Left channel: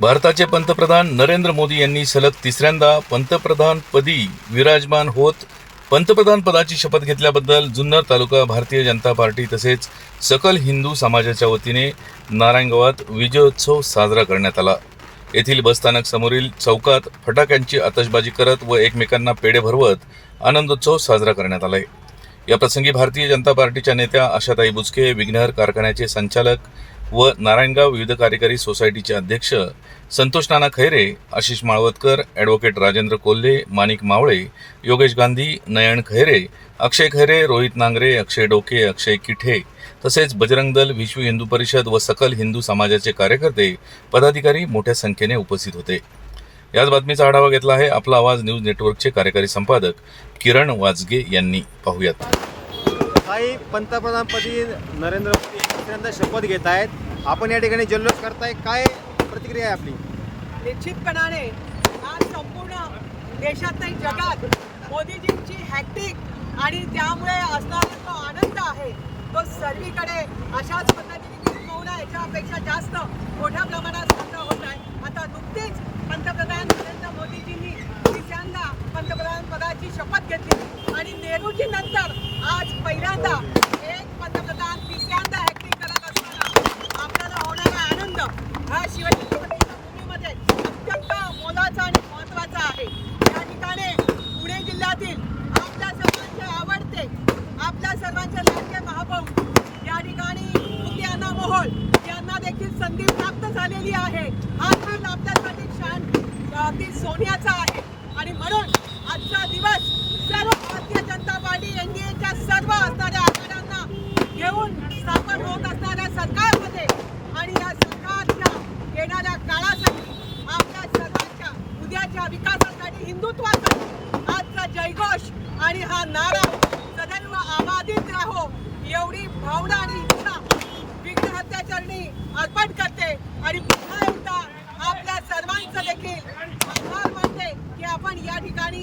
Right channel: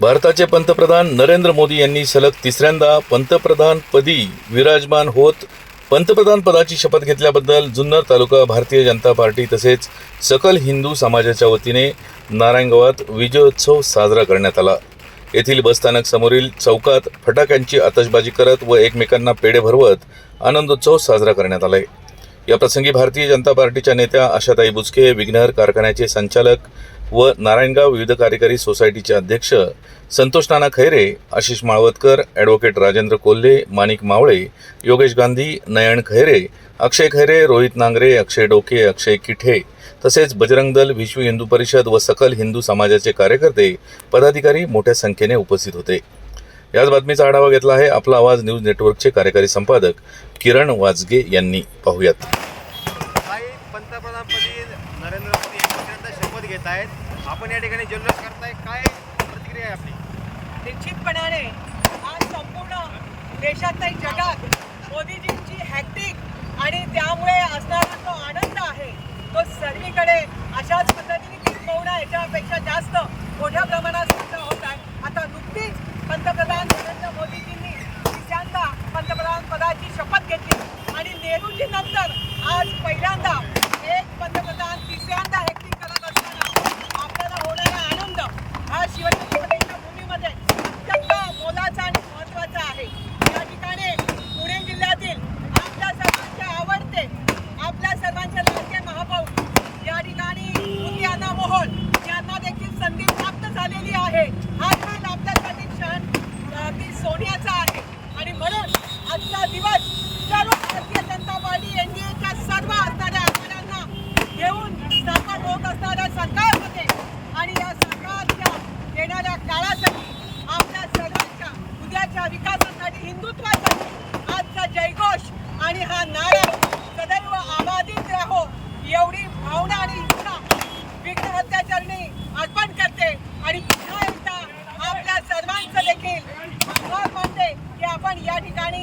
भारताचे पंतप्रधान नरेंद्र मोदी यांनी सलग तिसऱ्यांदा पंतप्रधानपदी विराजमान होत पंतप्रधान पदाची शपथ घेतल्याबद्दल जुन्नर तालुका भारतीय जनता पार्टी तसेच सकल हिंदू समाजाच्या वतीने नारायणगावात विजयोत्सव साजरा करण्यात आला. येथील बसस्थानक समोरील चौकात फटाक्यांची आतषबाजी करत व एकमेकांना पेढे भरवत आनंदोत्सव साजरा करण्यात आलाय. या प्रसंगी भारतीय जनता पार्टीच्या नेत्या आशाताई बुचके विघ्नहर कारखान्याचे संचालक व नारायणगाव विविध कार्यकारी सोसायटीचे अध्यक्ष संतोष नाना खैरे आशिष माळवतकर ॲडव्होकेट राजेंद्र कोल्हे माणिक मावळे योगेश गांधी नयन खैरे अक्षय खैरे रोहित नांगरे अक्षय डोके अक्षय किठे तसेच बजरंग दल विश्व हिंदू परिषद व सकल हिंदू समाजाचे कार्यकर्ते पदाधिकारी मोठ्या संख्येने उपस्थित होते. याच बातमीचा आढावा घेतला आहे आपला आवाज न्यूज नेटवर्कचे कार्यकारी संपादक किरण वाजगे यांनी. पाहुयात. पंतप्रधानपदी नरेंद्र मोदी हे शपथ घेत आहेत. आपण या ठिकाणी जल्लोष करताय. काय प्रतिक्रिया आहे आपली? निश्चितपणाने आज संपूर्ण देशात नाही जगात मोदीजींची हॅक्टिक आणि त्यामुळे असणारा जो आनंद आहे तो सर्वीकडे अशाच पद्धतीने किंबहुना याच्यापेक्षा जास्त मोठ्या प्रमाणात साजरा होत आहे. आता नुकतीच पंतप्रधान नरेंद्र मोदीजींनी तिसऱ्यांदा पंतप्रधान पदाची शपथ घेतली आणि नेहरूजी नंतर आज पहिल्यांदा पंतप्रधान तिसऱ्यांदा हॅक्टिंग करत असताना आपल्याला होणारा आनंद हा शिवछत्रपतींच्या भूमीमध्ये अत्यंत मोलाचा आणि महत्त्वाचा आहे. या ठिकाणी पुणे जिल्ह्यातील आपल्या सर्वांचे आवडते आपल्या सर्वांचे लाडके महापौर या ठिकाणी यांना मोहोळ यांना देखील संधी प्राप्त झालेली आहे. हा दिवस आपल्यासाठी क्षण ती सोन्याचा आहे. आणि म्हणून आजचा दिवस सर्व भारतीय जनता पार्टी एनडीएच्या सर्व असणाऱ्या आघाड्यांना घेऊन स्थापन होत असणाऱ्या सरकारमध्ये आणि या सरकारच्या येणाऱ्या काळासाठी आपल्या सर्वांच्या उद्याच्या विकासासाठी हिंदुत्वासाठी आजचा जयघोष आणि हा नारा सदैव आबादित राहो एवढी भावना आणि इच्छा विघ्न हत्याचरणी अर्पण करते आणि पुन्हा एकदा आपल्या सर्वांचं देखील आभार मानते की आपण या ठिकाणी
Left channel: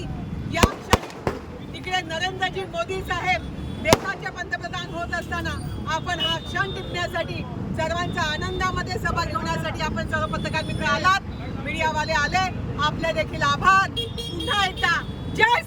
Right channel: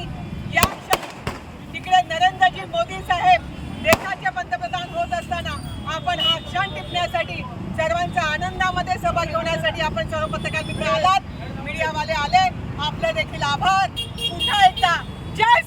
या क्षणी तिकडे नरेंद्रजी मोदी साहेब देशाचे पंतप्रधान होत असताना आपण हा क्षण टिपण्यासाठी सर्वांचा आनंदामध्ये सहभाग घेण्यासाठी आपण सर्व पत्रकार मित्र आलात. मीडियावाले आले. आपले देखील आभार. पुन्हा एकदा जय